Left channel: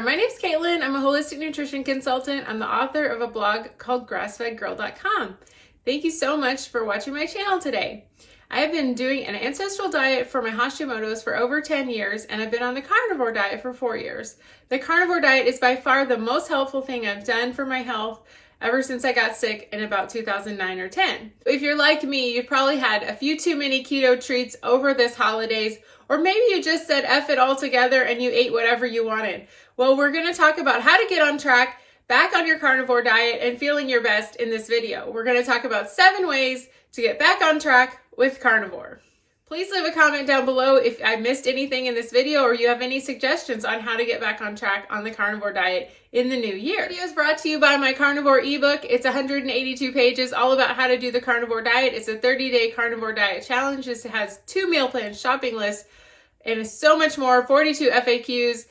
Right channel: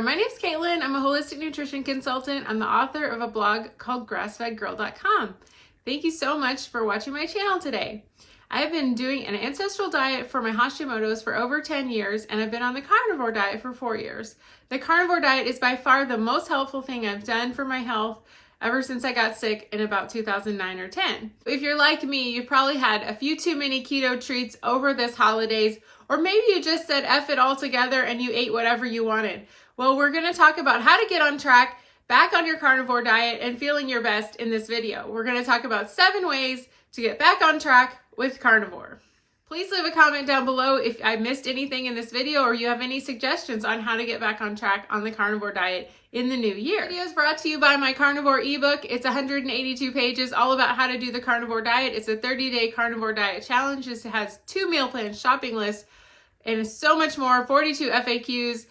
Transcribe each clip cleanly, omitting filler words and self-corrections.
there, my name's Caitlin. I'm a holistic nutrition consultant. I'm the author of a blog called grassfedgirl.com. Thank you so much for watching my channel today. I have been doing an ancestral diet for my hashimotos for over 10 years, and I've been on the carnivore diet for 4 years. The carnivore diet is by far the most helpful thing I've done for my health ever since I got sick in about 2009 or 10. If you're like me, you've probably had a few too many keto treats over this holidays, or maybe you just said F it all together and you ate whatever you wanted. Well, we're gonna talk about how to get on track, back on your carnivore diet, and feeling your best in this video. We're gonna talk about 7 ways to get back on track with carnivore. Please leave a comment down below if I missed anything in this video or you have any suggestions on how to get back on track on the carnivore diet in the new year. This video is brought to you by my carnivore ebook. It's 182 pages, all about how to do the carnivore diet. It's a 30-day carnivore diet challenge. This has 2 meal plans, shopping lists, and so much more, 42 FAQs.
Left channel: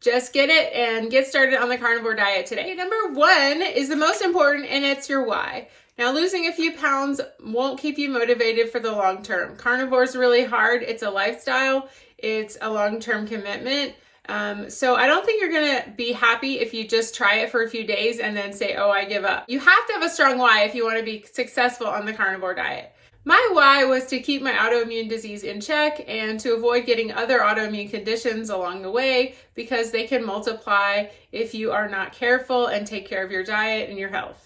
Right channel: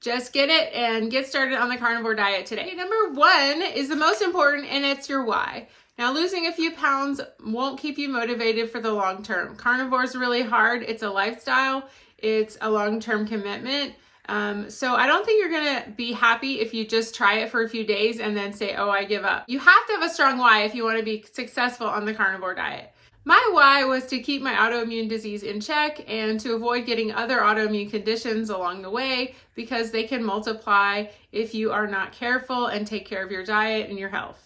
Just get it and get started on the carnivore diet today. Number 1 is the most important, and it's your why. Now, losing a few pounds won't keep you motivated for the long term. Carnivore is really hard. It's a lifestyle. It's a long-term commitment. So I don't think you're gonna be happy if you just try it for a few days and then say, oh, I give up. You have to have a strong why if you want to be successful on the carnivore diet. My why was to keep my autoimmune disease in check and to avoid getting other autoimmune conditions along the way, because they can multiply if you are not careful and take care of your diet and your health.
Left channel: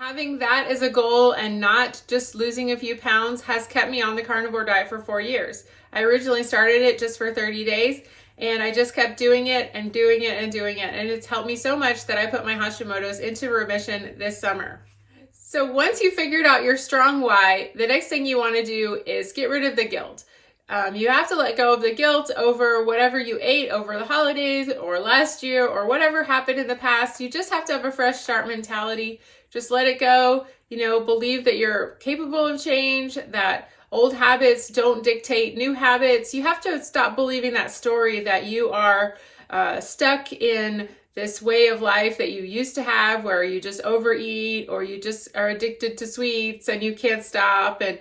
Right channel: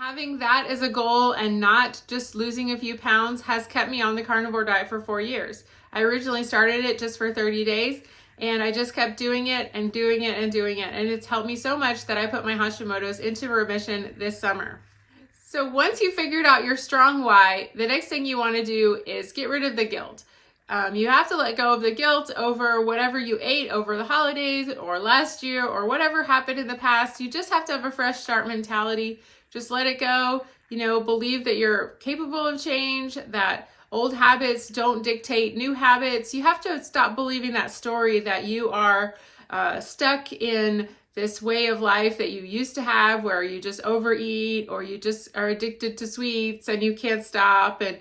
Having that as a goal and not just losing a few pounds has kept me on the carnivore diet for 4 years. I originally started it just for 30 days and I just kept doing it and doing it and doing it. And it's helped me so much that I put my Hashimoto's into remission this summer. So once you figured out your strong why, the next thing you want to do is get rid of the guilt. You have to let go of the guilt over whatever you ate over the holidays or last year or whatever happened in the past. You just have to have a fresh start mentality. Just let it go. Believe that you're capable of change, that old habits don't dictate new habits. You have to stop believing that story that you are stuck in this way of life that you used to have, where you just overeat or you just are addicted to sweets and you can't stop. And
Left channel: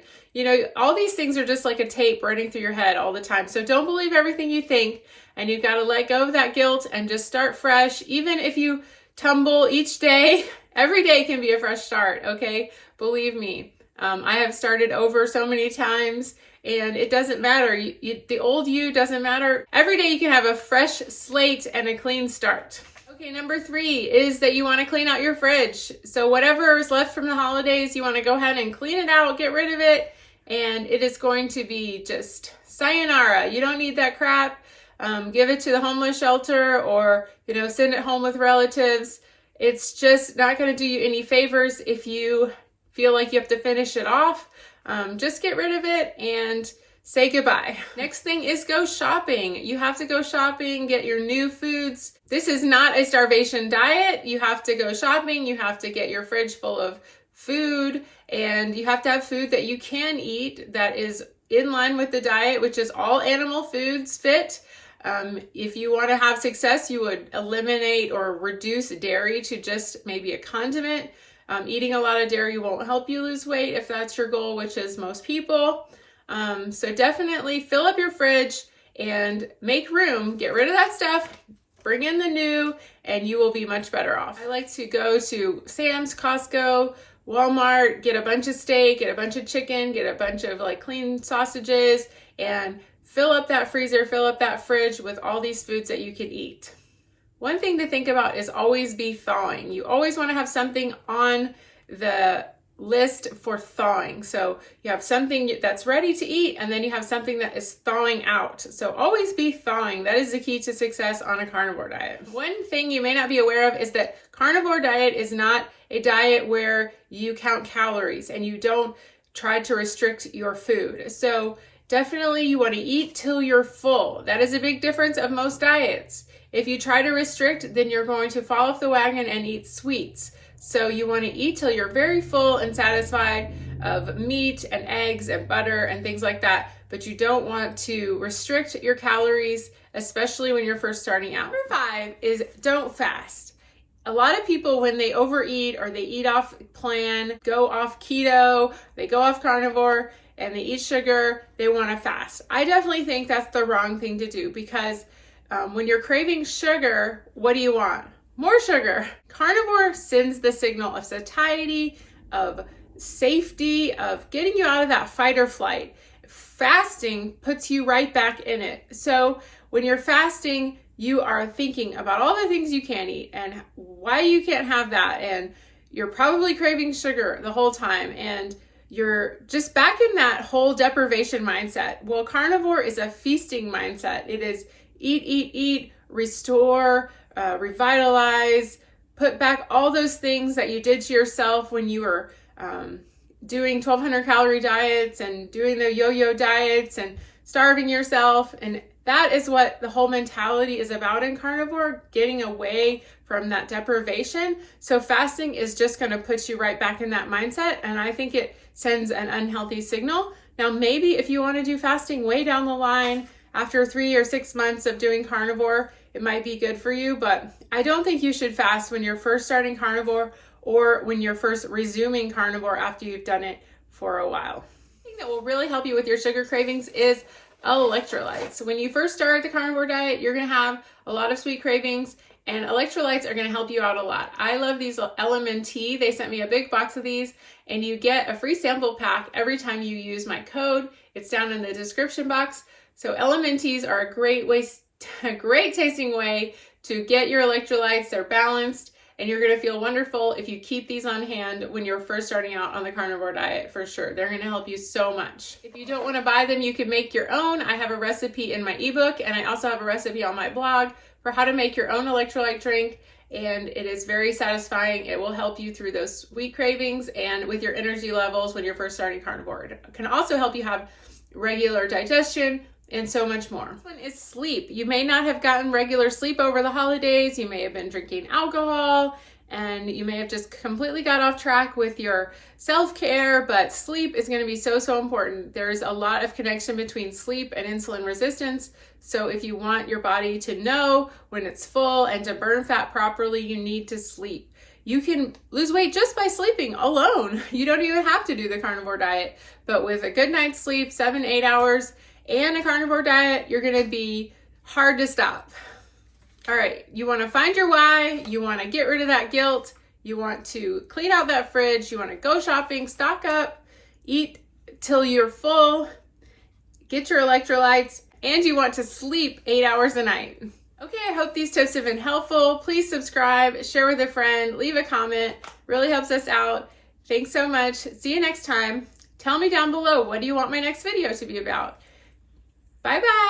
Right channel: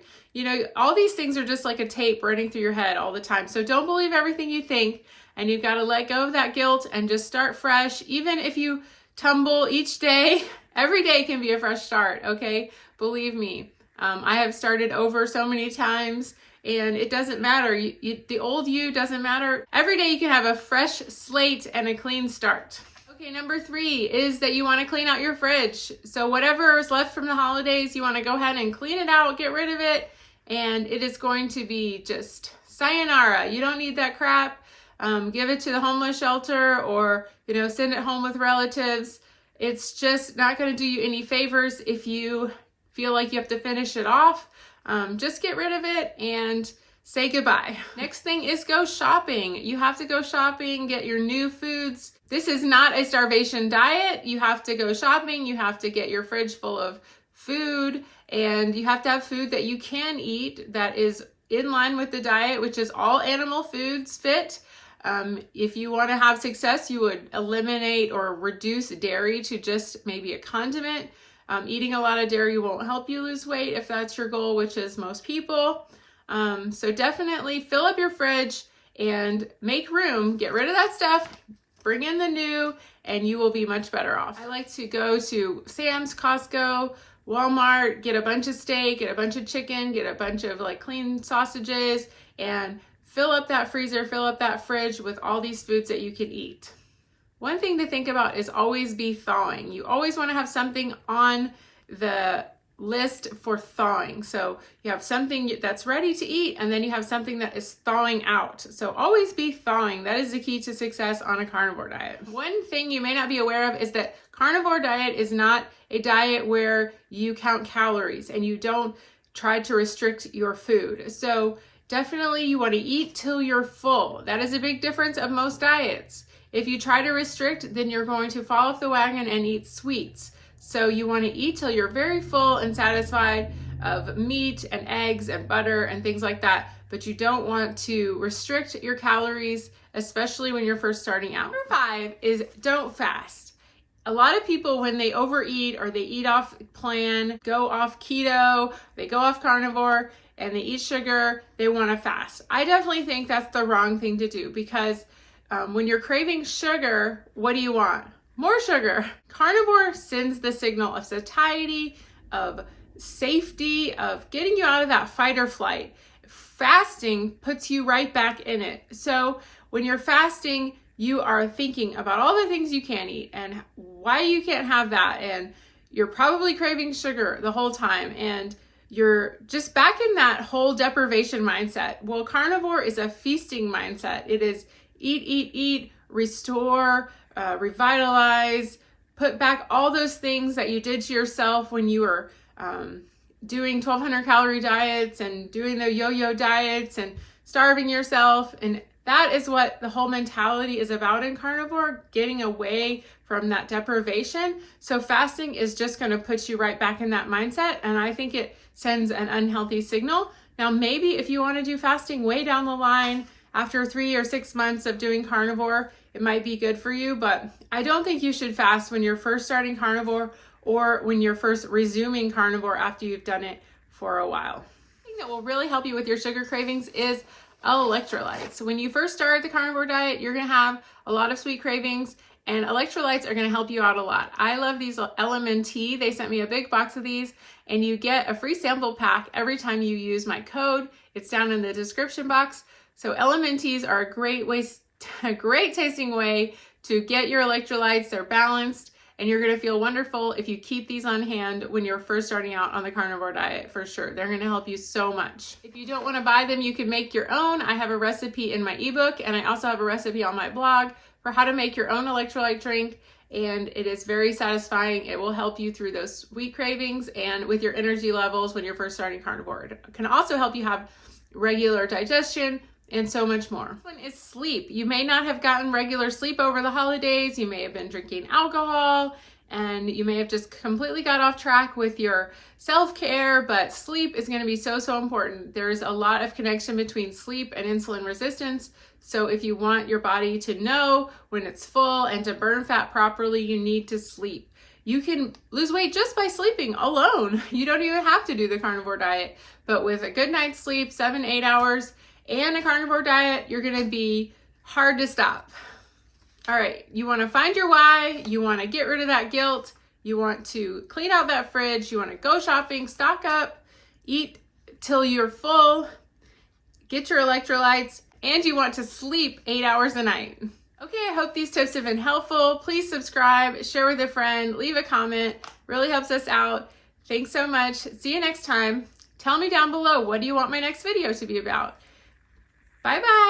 all these things are just like a tape running through your head all the time. So don't believe everything you think, and you've got to let go of that guilt and just start fresh. Even if you tumble each day, every day can be a fresh start, okay? Believe me. I have started over so many times, and it doesn't matter. The old you doesn't matter. Every day you can have a fresh slate and a clean start. Okay, number 3 is that you want to clean out your fridge. So whatever is left from the holidays, you want to go ahead and clean it out, get rid of it, and it is going to be just sayonara. You don't need that crap. Give it to the homeless shelter or, send it home with relatives. It's just not going to do you any favors if you feel like you have to finish it off. Just get rid of it and say goodbye. Next thing is go shopping. You have to go shopping, get your new foods. This is not a starvation diet. You have to go shopping. You have to get your fridge full of food, and you have to have food that you can eat that is in line with the diet, which is all animal foods fit. If you want to have success, you would eliminate or reduce dairy to just maybe a condiment. Eating a lot of dairy won't help you lose weight if that's your goal, which is most people. So definitely fill up your fridge and make room. Get rid of that stuff, bring in the new, and you will be much better off. I like to go to Sam's, Costco, Walmart, get a bunch of steak, get a bunch of chicken, get a bunch of clean sausages, and fill up that freezer, fill up that fridge with all these foods that you can eat. One thing to think about is always be thawing. You always want to have something on the list for thawing. So you have something that's ready to eat, and then you have something that is thawing out. So always be thawing. That is the key to success on a carnivore diet. One thing you may not be aware of is that carnivore diet is not a diet where you count calories and you don't try to restrict your food. So definitely you want to eat till you're full. That is a big difference of most diets. If you try to restrict, then you're going to fall off the wagon and eat sweets. So you want to eat till you're very full and satisfied of meat and eggs and butter and things like that. But you don't want to restrict your calories, especially when you're first starting out. Number 5 is don't fast. A lot of people, when they overeat or they eat off plan, go off keto, they go off carnivore, and they eat sugar, they want to fast. I definitely think that's the wrong thing to do, because when you're craving sugar, what do you want? More sugar. Carnivore sends the signal of satiety, of safety, of getting you out of that fight or flight. Fasting puts you right back in it. So when you're fasting, you are thinking about all the things you can't eat and why you can't have that. And you're probably craving sugar the whole time. And you're just back in that whole deprivation mindset. Well, carnivore is a feasting mindset. It is eat, restore, revitalize, put back all those things that you did to yourself when you were doing 1,200 calorie diets and doing the yo-yo diets and starving yourself. And that is what the whole mentality is about in carnivore, getting away from that deprivation. So fasting is just going to put you right back in that mindset. And I think it sends an unhealthy signal. Now, maybe if you want to do fasting way down the line, after 3 or 6 months of doing carnivore, it might be good for you, but I don't think you should fast when you're first starting carnivore or when you're first resuming carnivore after you've done it for a while. The thing that will really help you with your sugar cravings is electrolytes. When you first start the carnivore diet, you're going to have a lot of sweet cravings, and electrolytes are going to help you out a lot. I love these LMNT. They sent me a big box of these, and you get a free sample pack every time you use my code. It's down in the description box. So LMNTs are a great tasting way to get your electrolytes. They're balanced, and you're going to feel wonderful if you keep these on hand when you're first starting out on the carnivore diet, for sure. They're going to help you so much. If you don't want to buy them, you can make your own. I have a recipe in my ebook, and I also have a recipe on my blog for how to make your own electrolyte drink, and it is very satisfying. It will help you through those sweet cravings and with your energy levels when you're first starting carnivore. It can also help you have regular digestion and so much more. One is sleep. You may not have gotten regular sleep over the holidays. You may have been drinking alcohol, and you may have just completely got off track with your self-care, but sleep is going to be so important. There's a lot of connection between sleep and insulin resistance. So if you want your body to know when it's full and to burn fat properly, you need to sleep. You can lose weight just by sleeping alone. You don't even have to do the carnivore diet, but with a good night's sleep, 7-8 hours, and a carnivore diet, you're going to be hard to stop. All right, you want to find your why, you want to get rid of that guilt, you want to clean out that fridge, you want to go shopping, stock up, eat till you're full, get your electrolytes, and you want to sleep 8 hours a night. Okay, I hope these tips have been helpful. Please subscribe, share with a friend, leave a comment. Really helps us out. Thanks so much. See you next time. Tell me down below, what do you want my next video to be about? Bye-bye.